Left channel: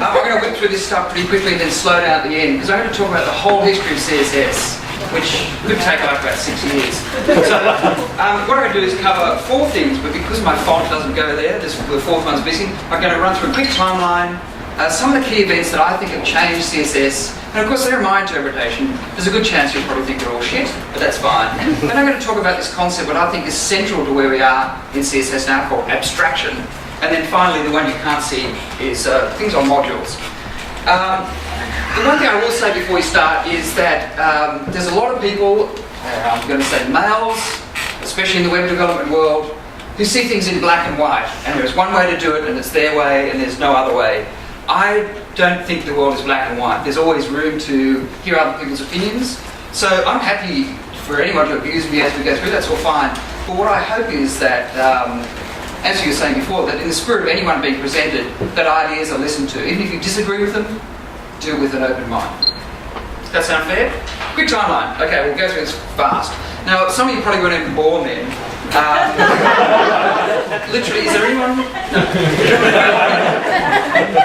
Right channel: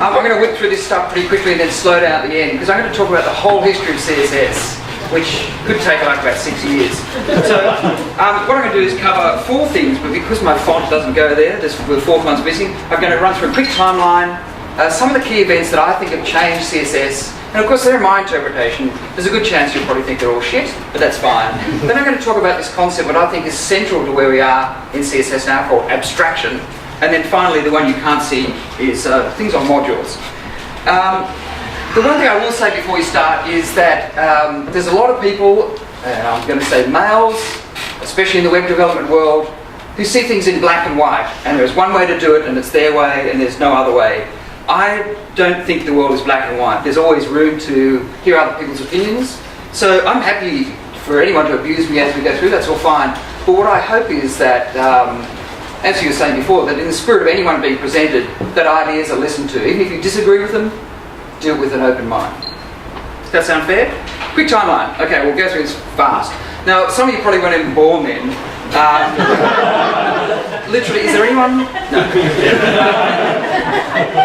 I'm going to whip through this stuff pretty quickly and then slow down at the end, because I'm going to talk about the whole history of CSS, which could take like about 6 years. So what I'm going to do is cover 4 things, but because my font doesn't go there, the 4th one's missing, I'm going to run through a quick timeline, some of the key events that I think have changed CSS, and of course they're my interpretation. There's a good chance you'll probably think they're all shit, but that's fine. Then I'm going to talk about this concept, what I think is central to where we are in CSS now, called abstraction. And then finally, the one you can't see is things on modules. The one thing I will say before we start is that there's a lot of people, I'm going to say males, especially in the web development world, who see things in black and white. And there's one way to do it, and it's their way, and there's no other way. I don't think the world is black and white. There's always room to hear other people's opinions. So I'm happy for anyone to abuse me as we go through, that's all fine. But what I hope is that, as you were saying before, that in the spirit of anyone being presented, that ideas are listened to. Even if you disagree with them, deal with an open mind. Does that sound fair? Quick timeline. Okay, we'll go through this fast. Now, some of you probably weren't even born then. Literally, is there anyone? No.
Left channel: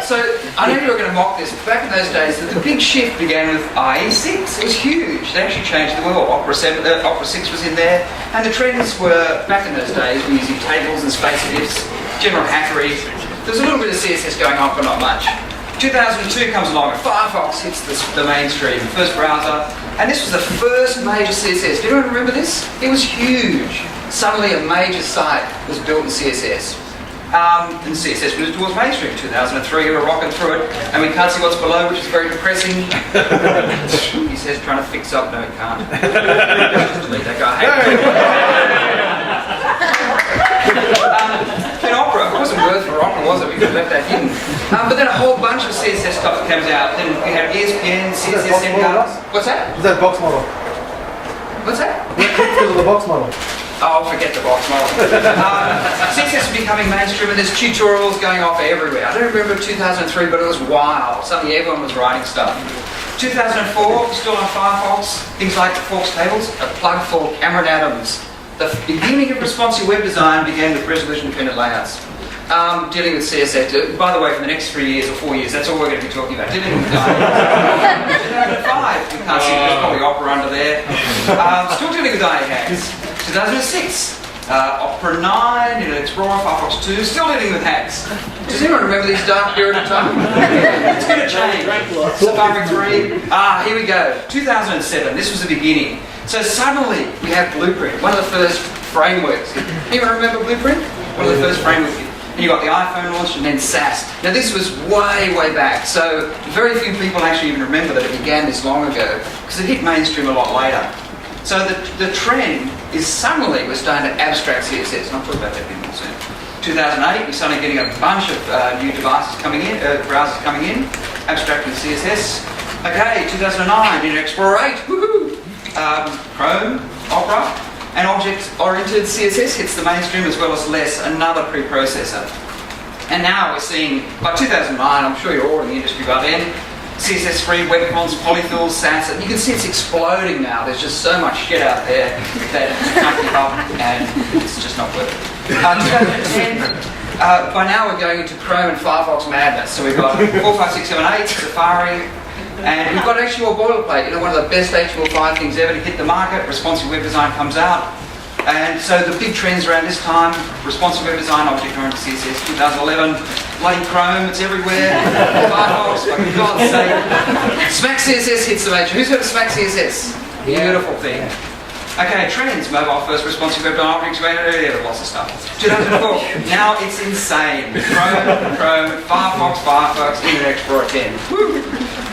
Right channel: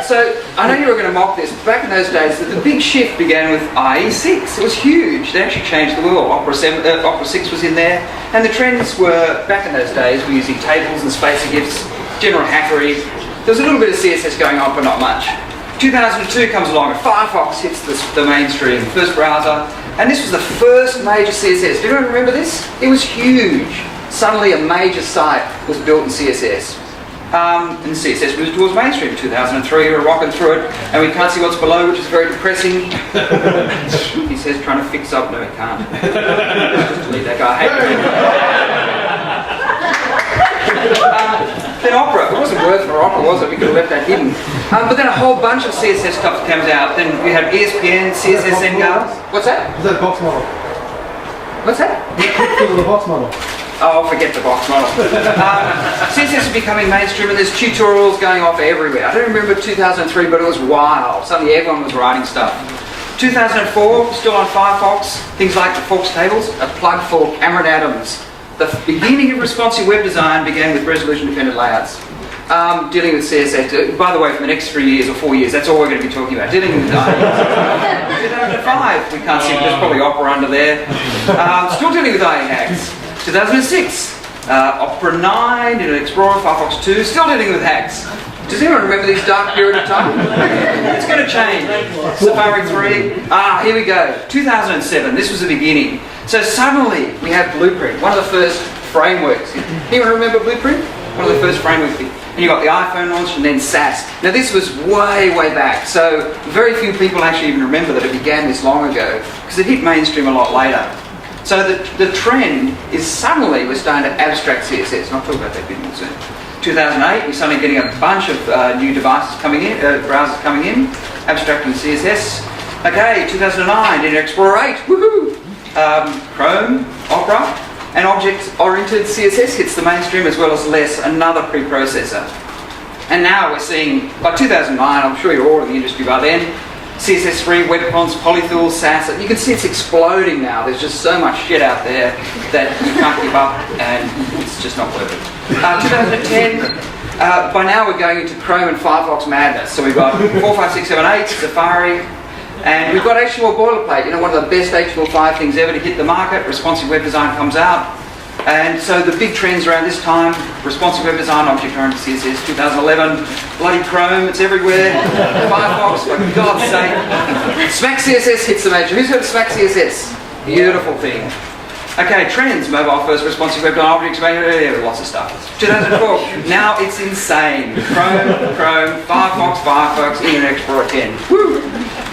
So, I know you were going to mock this, but back in those days, the big shift began with IE6. It was huge. They actually changed the world. Opera 6 was in there, and the trends were, back in those days, we're using tables and spacer gifts, general hackery. There's a little bit of CSS going on, but not much. 2002 comes along, and Firefox hits the mainstream, first browser, and this was the first major CSS. Do anyone remember this? It was huge. Suddenly a major site was built in CSS. And CSS moved towards mainstream. 2003, we're rocking through it, and we can't see what's below, which is very depressing. He says trying to fix up. No, it can't. Just delete that guy. Then Opera. It wasn't worth for Opera, was it? We could have left that hidden. But then a whole bunch of CSS stuff comes out. Then we have ESPN, CSS NGAR. What's that? Is that box model? What's that? The box model. Oh, forget the box model. CSS is becoming mainstream, and there's tutorials going off everywhere. I don't remember 2003, but it was wild. Suddenly everyone was writing stuff. 2004, still on Firefox, things like the forks tables, a plug for Cameron Adams. The beginning of responsive web design began with resolution-dependent layouts. Dealing with CSS, by the way, for the next 3 years or 4 years, that's all we're going to be talking about, dealing with IE. 2005, we can't see, there's probably Opera under there. Still dealing with IE hacks. 2006, Opera 9, Internet Explorer, Firefox 2, still dealing with hacks. Does anyone remember this dark period of time? It's going to change. Safari 3, here we go. 2007, this was the beginning. So suddenly we have Blueprint, one of the first frameworks. Anyone remember Blueprint? One of the first frameworks. And you got the iPhone launched and then SAS. Now this was way, way back. So very few people actually even remember that it began this long ago, because it hit mainstream a lot later. So the trend is suddenly we're starting to abstract CSS, and I'll talk about that a bit more soon. 2008, we're suddenly getting a bunch of new devices coming in, browsers coming in, abstracting CSS. Okay, 2009, Internet Explorer 8, woohoo! Chrome, Opera, and object-oriented CSS hits the mainstream, as well as LESS, another preprocessor. And now we're seeing, by 2009, I'm sure you're all in the industry by then, CSS3, webcons, polyfills, SAS, and you can see it's exploding now. There's just so much shit out there that you can't keep up, and it's just not worth it. 2010, by now we're going into Chrome and Firefox madness. So we've got 4, 5, 6, 7, 8, Safari, and we've got HTML boilerplate, you know, one of the best HTML5 things ever to hit the market. Responsive web design comes out. And so the big trends around this time, responsive web design, object-oriented CSS, 2011, bloody Chrome, it's everywhere. Firefox, for God's sake. Smack CSS hits the major. Who's heard of Smack CSS? Beautiful thing. Okay, trends, mobile first, responsive web design, objects, lots of stuff. 2012, now it's insane. Chrome, Firefox, Internet Explorer 10. Woo!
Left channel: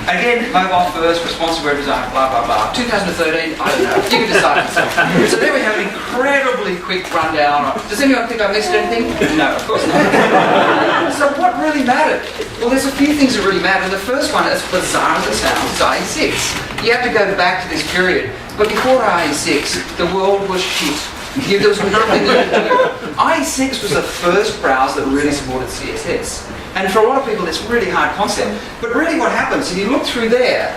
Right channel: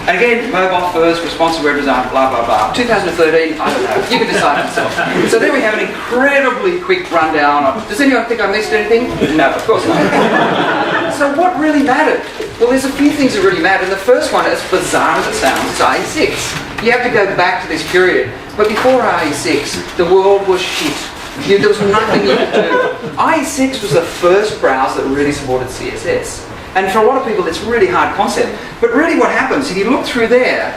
Again, mobile first, responsive web design, blah, blah, blah. 2013, I don't know. You can decide yourself. So then we have an incredibly quick rundown. Does anyone think I missed anything? No, of course not. So what really mattered? Well, there's a few things that really matter. The first one, as bizarre as it sounds, is IE6. You have to go back to this period. But before IE6, the world was shit. There was nothing you could do. IE6 was the first browser that really supported CSS. And for a lot of people, it's a really hard concept. But really what happens, if you look through there,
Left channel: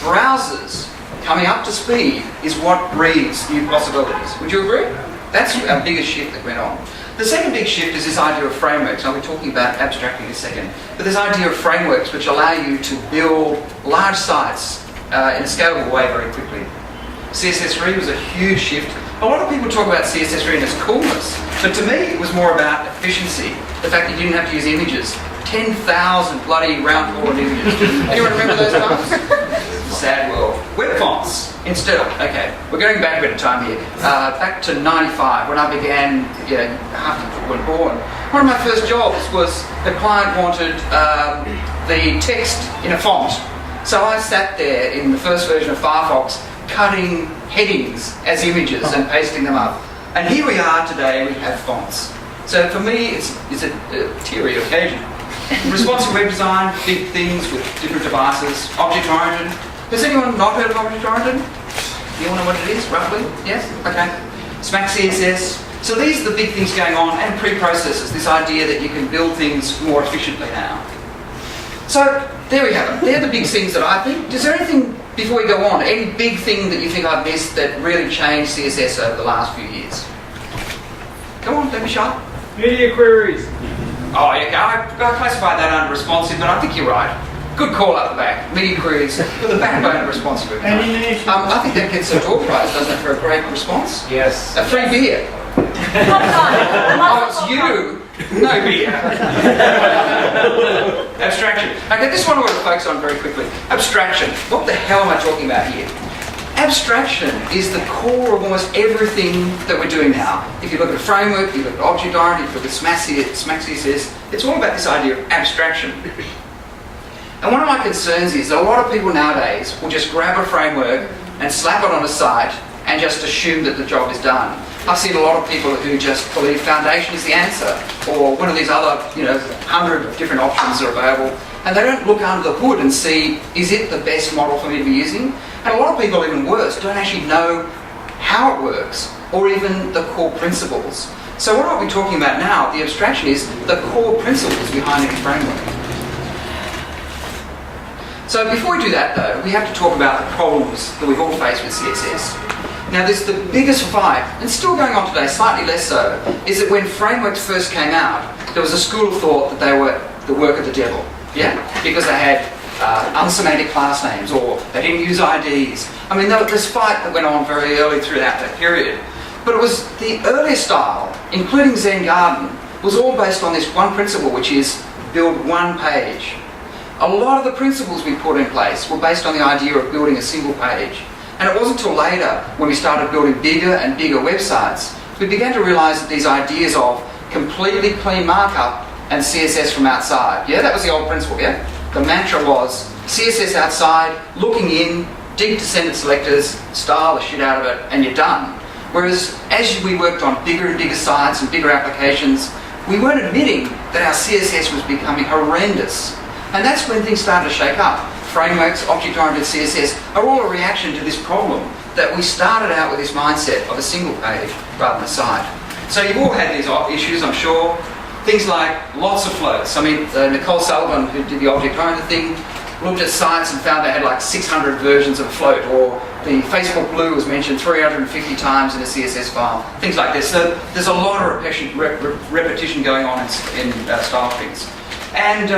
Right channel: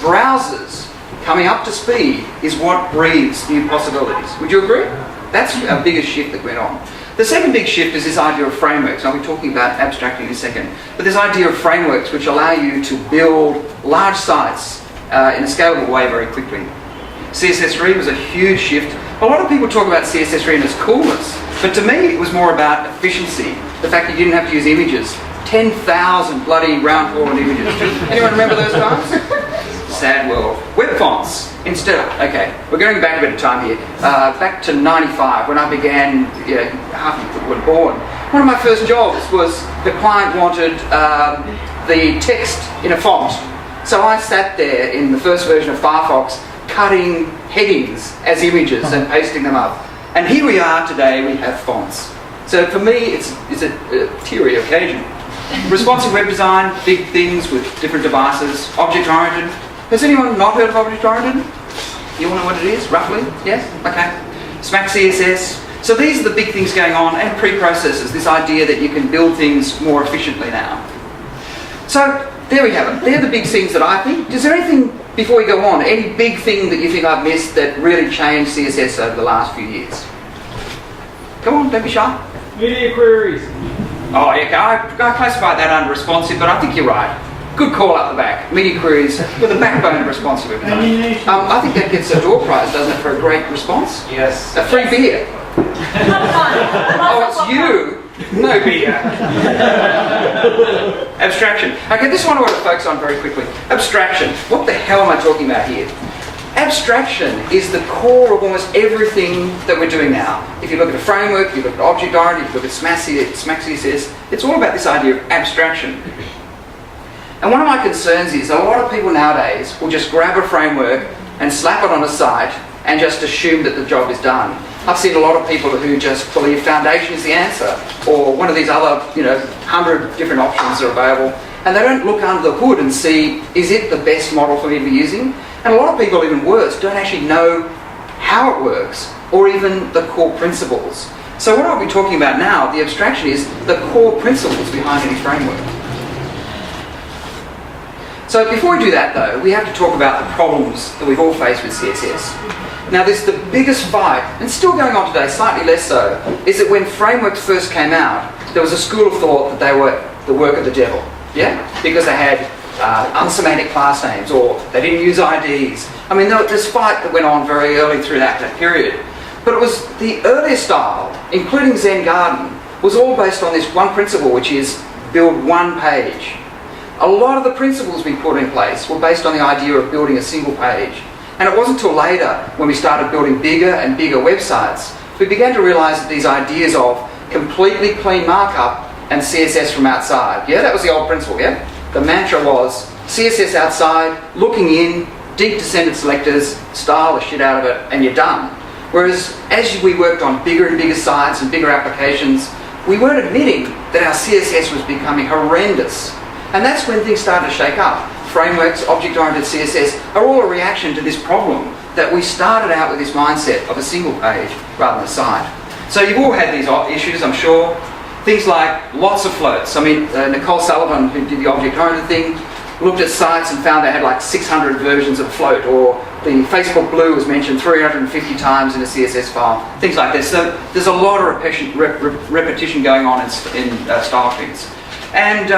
browsers coming up to speed is what breeds new possibilities. Would you agree? That's our biggest shift that went on. The second big shift is this idea of frameworks. I'll be talking about abstracting in a second. But this idea of frameworks which allow you to build large sites in a scalable way very quickly. CSS3 was a huge shift. A lot of people talk about CSS3 and its coolness, but to me it was more about efficiency. The fact that you didn't have to use images. 10,000 bloody round forward images. Anyone remember those times? Sad world. Web fonts instead. Okay, we're going back a bit of time here. Back to 95 when I began, half of people were born. One of my first jobs was the client wanted the text in a font. So I sat there in the first version of Firefox cutting headings as images and pasting them up. And here we are today, we have fonts. So for me, it's a teary occasion. Responsive web design, big things with different devices. Object-oriented. Has anyone not heard of object-oriented? You all know what it is, roughly? Yes? Okay. Smack CSS. So these are the big things going on, and preprocessors, this idea that you can build things more efficiently now. So there we have it. They're the big things that I think. Is there anything, before we go on, any big thing that you think I've missed that really changed CSS over the last few years? Come on, don't be shy. Media queries. Oh, yeah, I classify that under responsive, but I think you're right. Good call up the back. Media queries with the backbone of responsive. I think that gets a door prize, doesn't it, for a great response? Yes. A free beer. Oh, it's you. No beer. Abstraction. Okay, this one I want to focus on very quickly. Abstraction. What the hell am I talking about here? Abstraction is the core of almost everything that we're doing now. If you look at a framework, you look at object-oriented, you look at Smack CSS, it's all about this idea of abstraction. And one of my concerns is that a lot of people nowadays will just grab a framework and slap it on a site and just assume that the job is done. I've seen a lot of people who just believe Foundation is the answer, or one of these other, 100 different options are available, and they don't look under the hood and see, is it the best model for me to be using? And a lot of people, even worse, don't actually know how it works, or even the core principles. So what I'll be talking about now, the abstraction, is the core principles behind any framework. So before we do that though, we have to talk about the problems that we've all faced with CSS. Now there's the biggest fight, and still going on today, slightly less so, is that when frameworks first came out, there was a school of thought that they were the work of the devil. Yeah? Because they had unsemantic class names, or they didn't use IDs. I mean, there was this fight that went on very early through that period. But it was the earlier style, including Zen Garden, was all based on this one principle, which is build one page. A lot of the principles we put in place were based on the idea of building a single page. And it wasn't until later, when we started building bigger and bigger websites, we began to realise that these ideas of completely clean markup and CSS from outside. Yeah, that was the old principle, yeah? The mantra was CSS outside, looking in, deep descended selectors, style the shit out of it, and you're done. Whereas as we worked on bigger and bigger sites and bigger applications, we weren't admitting that our CSS was becoming horrendous. And that's when things started to shake up. Frameworks, object-oriented CSS are all a reaction to this problem that we started out with this mindset of a single page rather than a site. So you've all had these issues, I'm sure. Things like lots of floats. I mean, Nicole Sullivan, who did the object-oriented thing, looked at sites and found they had like 600 versions of a float, or the Facebook blue was mentioned 350 times in a CSS file, things like this. So there's a lot of repetition going on in style sheets. And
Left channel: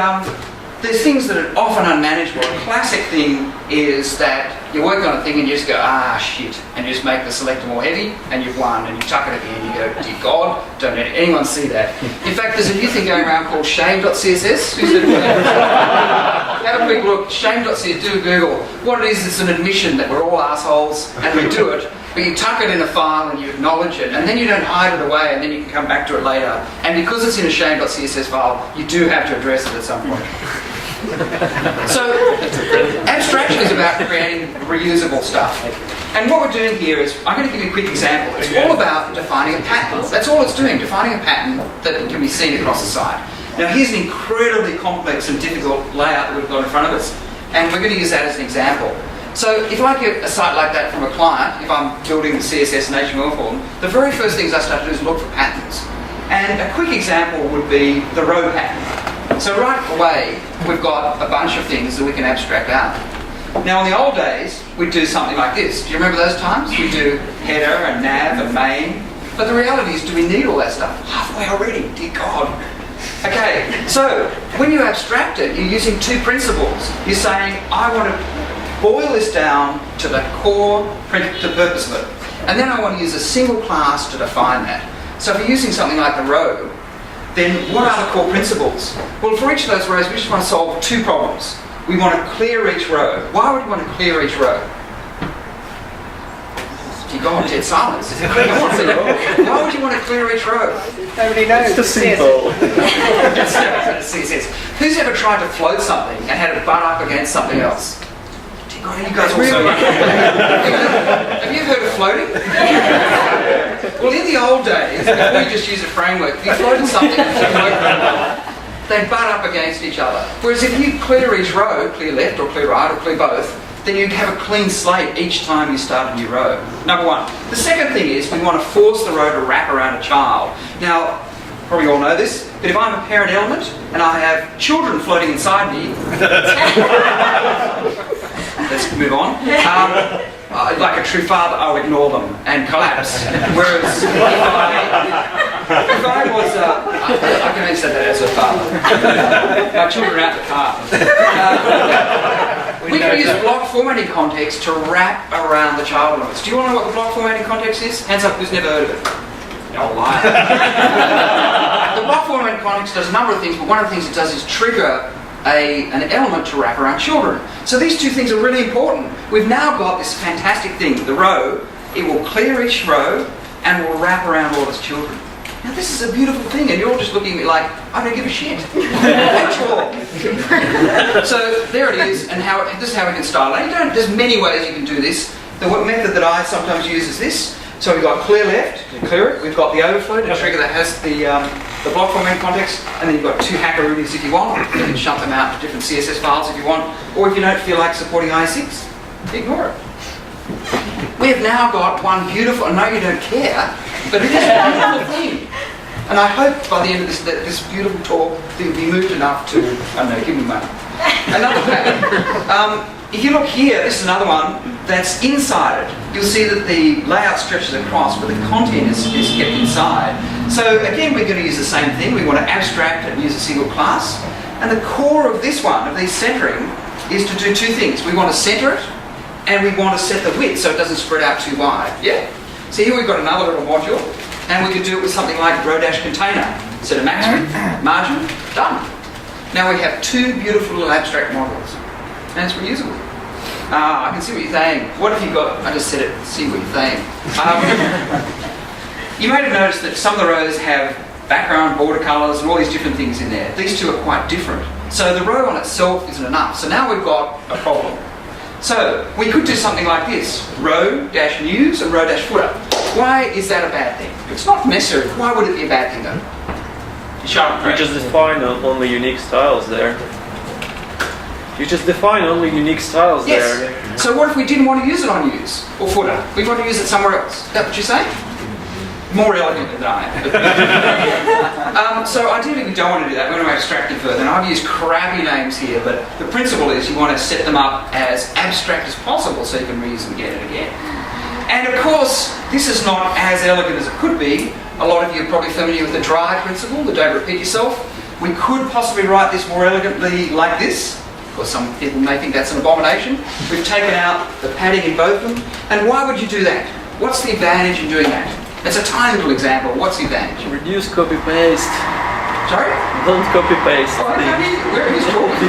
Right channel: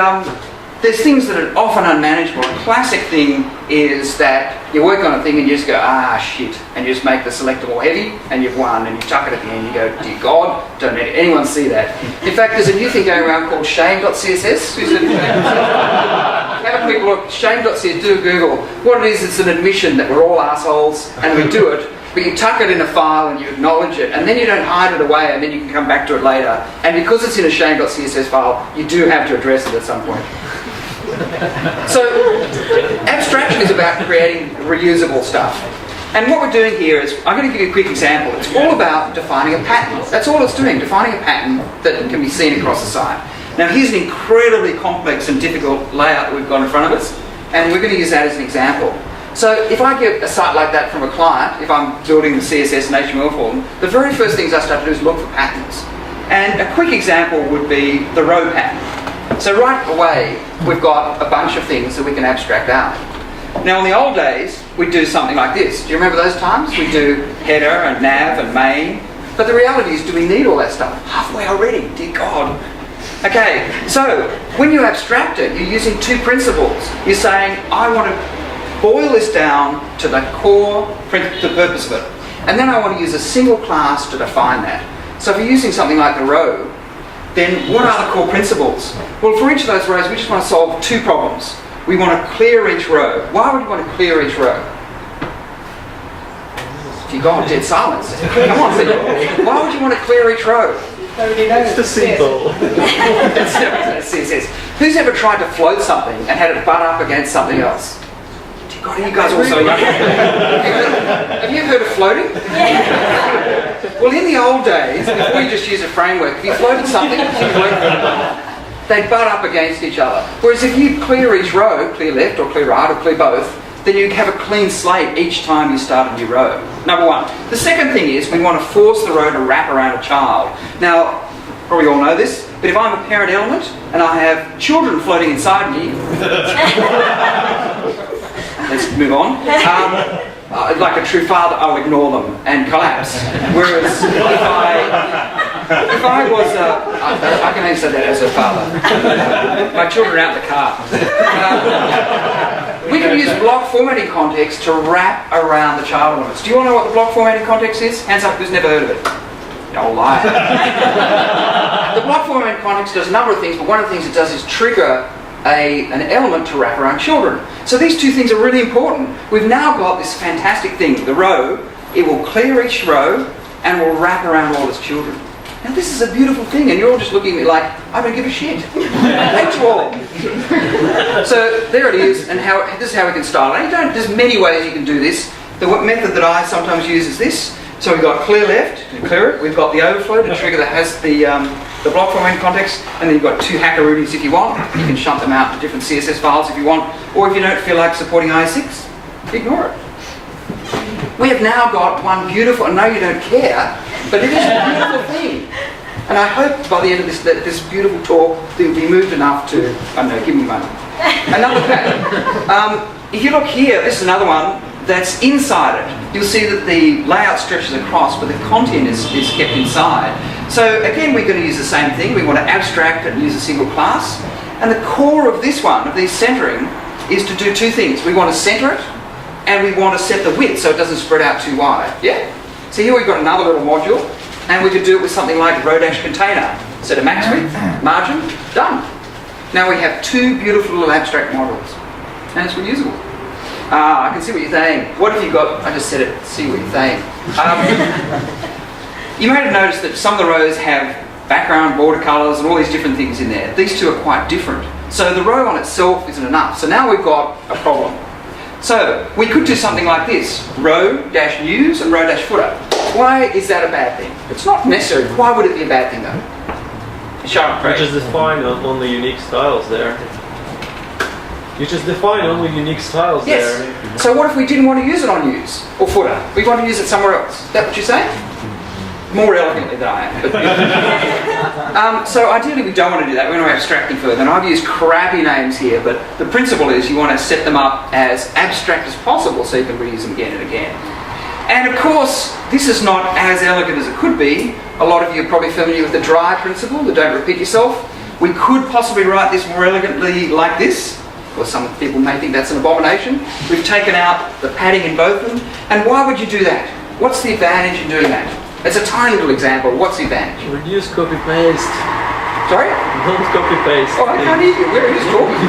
there's things that are often unmanageable. A classic thing is that you work on a thing and you just go, shit, and you just make the selector more heavy, and you've won, and you tuck it at the end, you go, dear God, don't let anyone see that. In fact, there's a new thing going around called shame.css. Have a quick look, shame.css, do a Google. What it is, it's an admission that we're all assholes, and we do it, but you tuck it in a file and you acknowledge it, and then you don't hide it away, and then you can come back to it later. And because it's in a shame.css file, you do have to address it at some point. So, abstraction is about creating reusable stuff. And what we're doing here is, I'm going to give you a quick example. It's all about defining a pattern. That's all it's doing, defining a pattern that can be seen across the site. Now here's an incredibly complex and difficult layout that we've got in front of us, and we're going to use that as an example. So if I get a site like that from a client, if I'm building the CSS and HTML for them, the very first things I start to do is look for patterns. And a quick example would be the row pattern. So right away, we've got a bunch of things that we can abstract out. Now in the old days, we'd do something like this. Do you remember those times? We'd do header and nav and main. But the reality is, do we need all that stuff? Halfway already, dear God. Okay, so when you abstract it, you're using two principles. You're saying, I want to boil this down to the core, the purpose of it. And then I want to use a single class to define that. So if you're using something like the row, then what are the core principles? Well, for each of those rows, we just want to solve two problems. We want to clear each row. Why would we want to clear each row? You go on dead silence. Come on, why would you want to clear each row? Nobody knows. It's just simple. CSS. Who's ever tried to float something and had it butt up against something else? Dear God, you guys are also young. Have you heard of floating? Well, in the old days, before you just use a framework, if you floated something, they'd butt up against each other. Whereas if you clear each row, clear left or clear right or clear both, then you have a clean slate each time you start a new row. Number one. The second thing is we want to force the row to wrap around a child. Now, probably all know this, but if I'm a parent element and I have children floating inside me, let's move on. Like a true father, I'll ignore them and collapse. Whereas if I was, I can answer that as a father. My children are out the car. We can use block formatting context to wrap around the child elements. Do you want to know what the block formatting context is? Hands up who's never heard of it. Oh, liar. The block formatting context does a number of things, but one of the things it does is trigger an element to wrap around children. So these two things are really important. We've now got this fantastic thing, the row. It will clear each row and will wrap around all its children. Now this is a beautiful thing, and you're all just looking at me like, I don't give a shit. I hate you all. So there it is, and this is how we can style it. There's many ways you can do this. The method that I sometimes use is this. So we've got clear left to clear it. We've got the overflow to trigger that has the block formatting context, and then you've got two hackaroonies if you want. You can shunt them out to different CSS files if you want, or if you don't feel like supporting IS6, ignore it. We have now got one beautiful, I know you don't care, but it is a beautiful thing. And I hope by the end of this beautiful talk, you'll be moved enough to, I don't know, give me money. Another pattern. If you look here, this is another one that's inside it. You'll see that the layout stretches across, but the content is kept inside. So again, we're going to use the same thing. We want to abstract it and use a single class. And the core of this one, of this centering, is to do two things. We want to center it, and we want to set the width so it doesn't spread out too wide. Yeah? So here we've got another little module, and we could do it with something like row-container. Set a max width, margin, done. Now we have two beautiful little abstract models, and it's reusable. I can see what you're saying. What have you got? I just said it. See what you're saying. You may have noticed that some of the rows have background, border colours, and all these different things in there. These two are quite different. So the row on itself isn't enough. So now we've got a problem. So we could do something like this: row-news and row-footer. Why is that a bad thing? It's not necessary. Why would it be a bad thing though? Shut up, Craig. You just define only unique styles there. You just define only unique styles there. Yes. So what if we didn't want to use it on news or footer? We want to use it somewhere else. Is that what you're saying? More elegantly than I am. So ideally we don't want to do that. We want to abstract them further. And I've used crappy names here, but the principle is you want to set them up as abstract as possible so you can reuse them again and again. And of course, this is not as elegant as it could be. A lot of you are probably familiar with the dry principle, the don't repeat yourself. We could possibly write this more elegantly like this. Or some people may think that's an abomination. We've taken out the padding in both of them. And why would you do that? What's the advantage in doing that? It's a tiny little example. What's the advantage? Reduce copy-paste. Sorry? Don't copy-paste. Oh, I can't hear you. Where are you talking?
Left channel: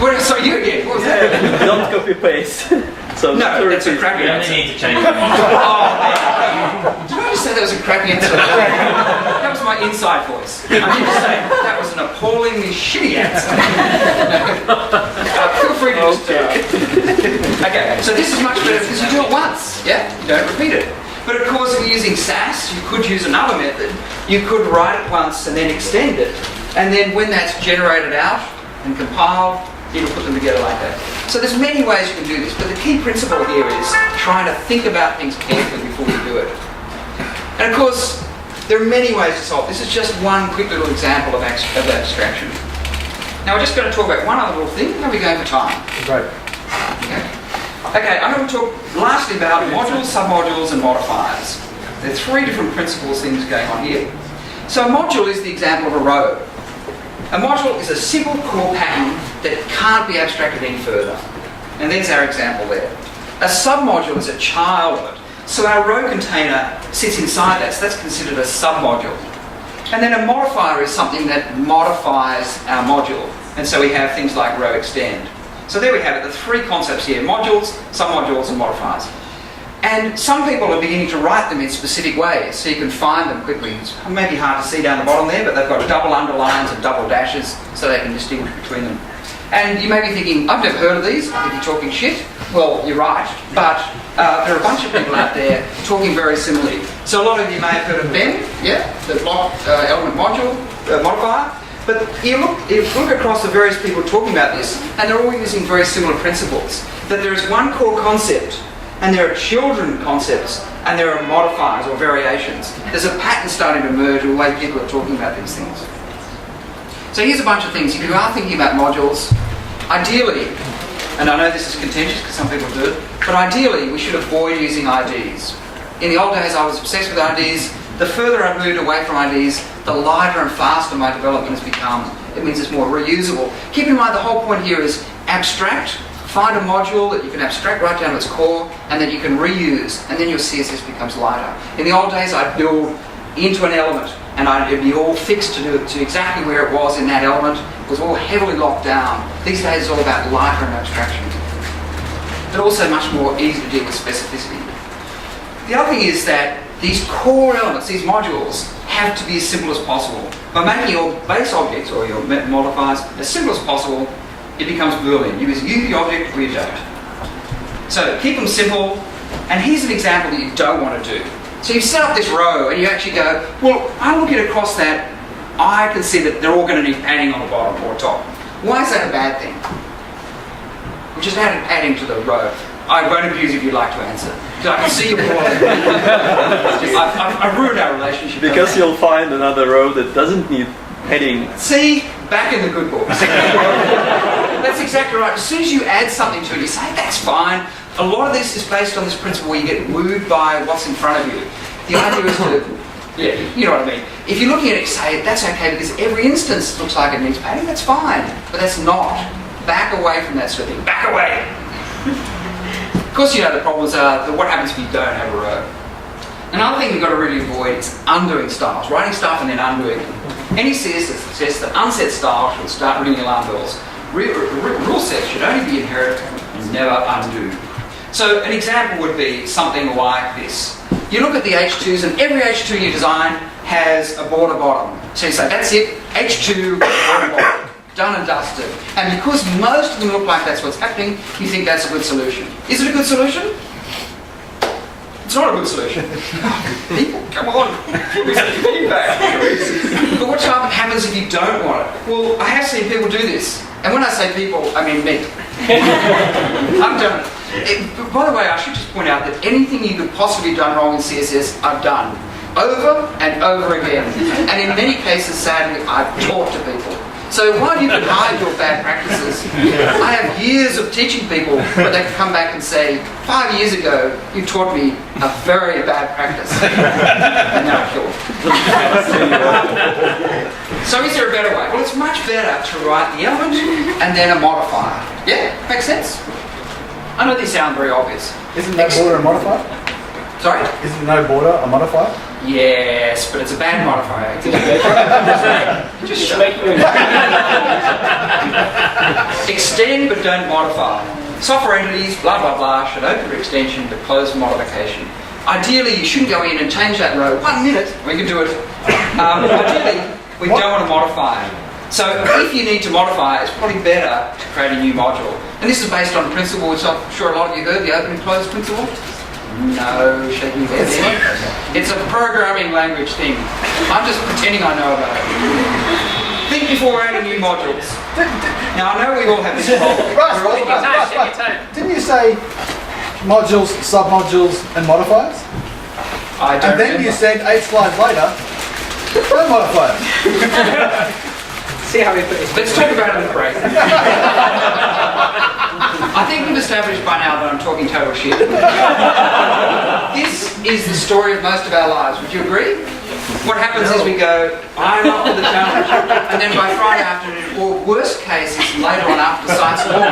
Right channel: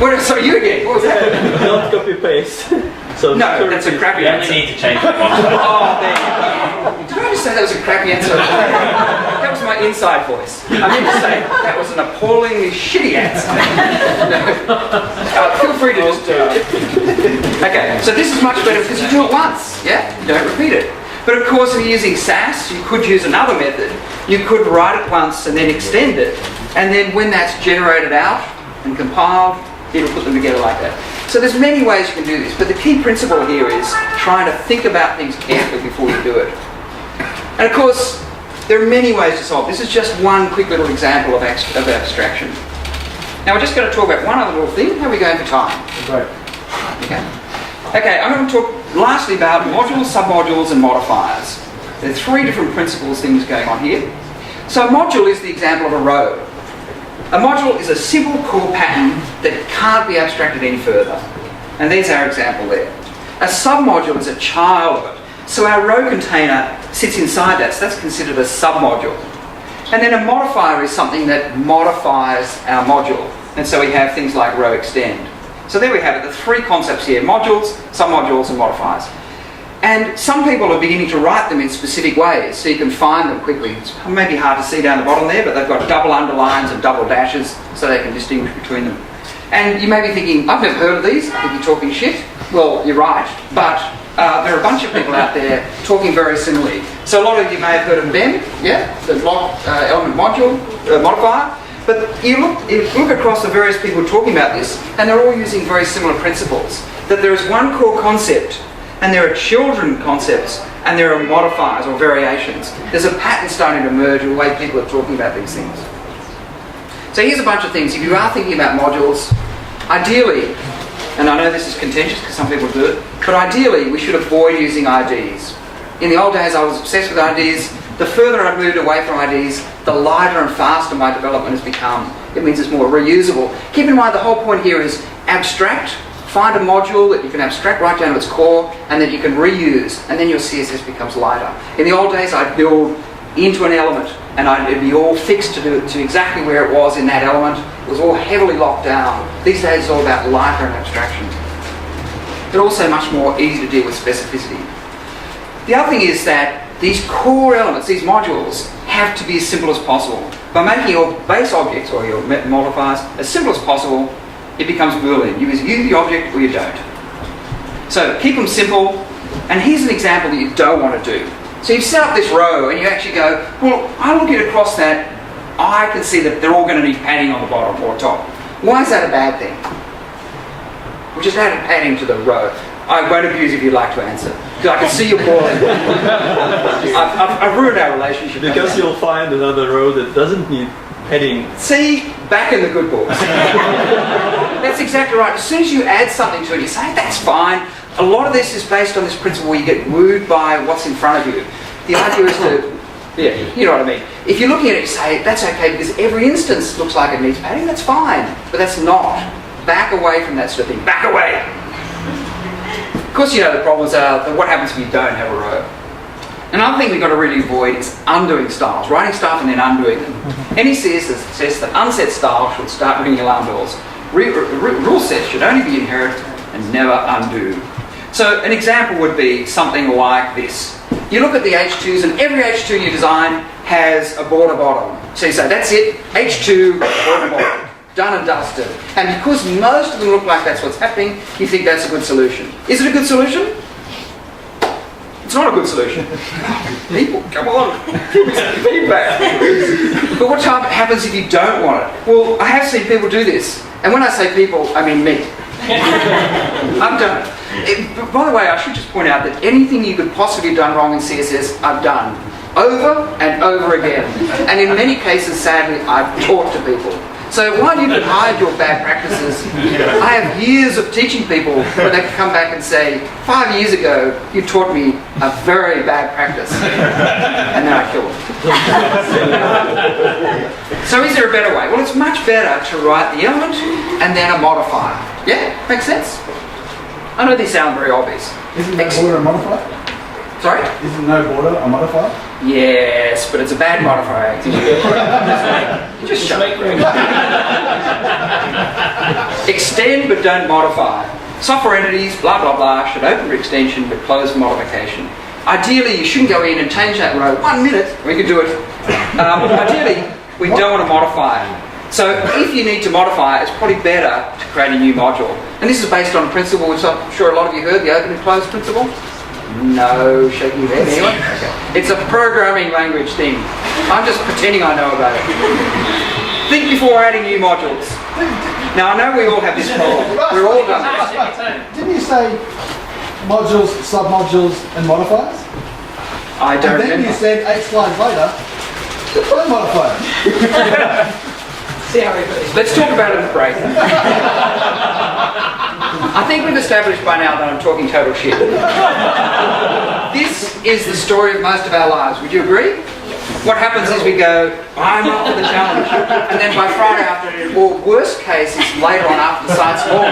What, so you again? What was that? Don't copy-paste. So no, that's a crappy answer. need to change it. Oh, did I just say that was a crappy answer? That was my inside voice. I meant to say that was an appallingly shitty answer. Feel free to just... Okay, so this is much better because you do it once, yeah? You don't repeat it. But of course, if you're using Sass, you could use another method. You could write it once and then extend it. And then when that's generated out and compiled, it'll put them together like that. So there's many ways you can do this, but the key principle here is trying to think about things carefully before you do it. And of course, there are many ways to solve. This is just one quick little example of abstraction. Now we're just going to talk about one other little thing. How are we going for time? Great. Okay, I'm going to talk lastly about modules, submodules, and modifiers. There are three different principles things going on here. So a module is the example of a row. A module is a simple core pattern that can't be abstracted any further. And there's our example there. A submodule is a child of it. So our row container sits inside that, so that's considered a submodule. And then a modifier is something that modifies our module. And so we have things like row extend. So there we have it, the three concepts here, modules, submodules, and modifiers. And some people are beginning to write them in specific ways, so you can find them quickly. It's maybe hard to see down the bottom there, but they've got double underlines and double dashes, so they can distinguish between them. And you may be thinking, I've never heard of these, I think you're talking shit. Well, you're right, but there are a bunch of people out there talking very similarly. So a lot of you may have heard of BEM, yeah, the block element module, modifier. But you look across the various people talking about this, and they're all using very similar principles. That there is one core concept, and there are children concepts, and there are modifiers or variations. There's a pattern starting to emerge in the way people are talking about these things. So here's a bunch of things. If you are thinking about modules, ideally, and I know this is contentious because some people do it, but ideally we should avoid using IDs. In the old days I was obsessed with IDs. The further I've moved away from IDs, the lighter and faster my development has become. It means it's more reusable. Keep in mind the whole point here is abstract. Find a module that you can abstract right down to its core and that you can reuse, and then your CSS becomes lighter. In the old days I'd build into an element and it'd be all fixed to exactly where it was in that element. It was all heavily locked down. These days it's all about lighter and abstraction. But also much more easy to deal with specificity. The other thing is that these core elements, these modules, have to be as simple as possible. By making your base objects or your modifiers as simple as possible, it becomes Boolean. You either use the object or you don't. So keep them simple, and here's an example that you don't want to do. So you've set up this row and you actually go, well, I'm looking across that, I can see that they're all going to need padding on the bottom or top. Why is that a bad thing? We'll just add padding to the row. I won't abuse if you'd like to answer. Because I can see you boiling. I've ruined our relationship. Because you'll find another row that doesn't need padding. See, back in the good books. That's exactly right. As soon as you add something to it, you say, that's fine. A lot of this is based on this principle where you get wooed by what's in front of you. The idea is to, yeah, you know what I mean. If you're looking at it, you say, that's okay because every instance looks like it needs padding, that's fine. But that's not. Back away from that sort of thing. Back away. Of course, you know the problems are what happens if you don't have a row. Another thing we've got to really avoid is undoing styles, writing stuff and then undoing them. Any CSS says that unset style should start ringing alarm bells. Rule sets should only be inherited and never undo. So an example would be something like this. You look at the H2s and every H2 you design has a border bottom. So you say, that's it, H2, border bottom. Done and dusted. And because most of them look like that's what's happening, you think that's a good solution. Is it a good solution? It's not a good solution. People, come on, give me some feedback. But what happens if you don't want it? Well, I have seen people do this. And when I say people, I mean me. I've done it. By the way, I should just point out that anything you could possibly have done wrong in CSS, I've done. Over and over again. And in many cases, sadly, I've taught to people. So while you can hide your bad practices, I have years of teaching people where they can come back and say, 5 years ago, you taught me a very bad practice. And then I kill it. So is there a better way? Well, it's much better to write the element and then a modifier. Yeah? Makes sense? I know these sound very obvious. Isn't no border a modifier? Sorry? Isn't no border a modifier? Yes, but it's a bad modifier. Just shut up. Extend but don't modify. Software entities, blah, blah, blah, should open for extension but close for modification. Ideally, you shouldn't go in and change that row 1 minute. We can do it. Ideally, we don't want to modify it. So if you need to modify it, it's probably better to create a new module. And this is based on a principle which I'm sure a lot of you heard, the open and close principle. No shaking your head, anyone? Okay. It's a programming language thing. I'm just pretending I know about it. Think before adding new modules. Now I know we all have this problem. We're all done this. Didn't you say modules, submodules, and modifiers? I don't And then remember. you said 8 lines later, no modifiers. See how Let's talk about it in break. I think we've established by now that I'm talking total shit. This is the story of most of our lives. Would you agree? What happens is we go, I'm up for the challenge. And then by Friday afternoon, or worst case is later on after the science launch.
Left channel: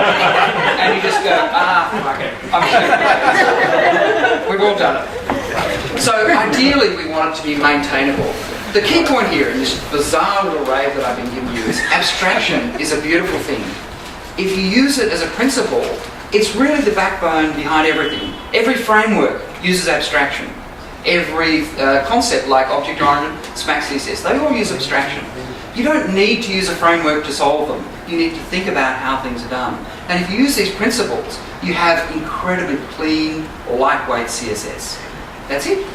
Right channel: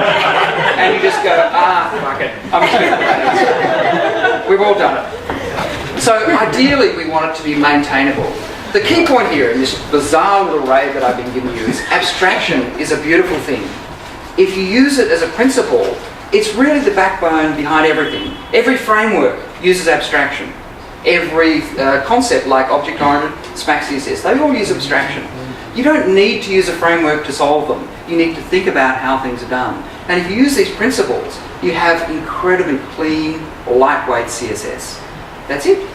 And you just go, fuck it. I'm sure we've all done it. So ideally we want it to be maintainable. The key point here in this bizarre little rave that I've been giving you is abstraction is a beautiful thing. If you use it as a principle, it's really the backbone behind everything. Every framework uses abstraction. Every concept like object-oriented, SMAC, CSS, they all use abstraction. You don't need to use a framework to solve them. You need to think about how things are done. And if you use these principles, you have incredibly clean, lightweight CSS. That's it.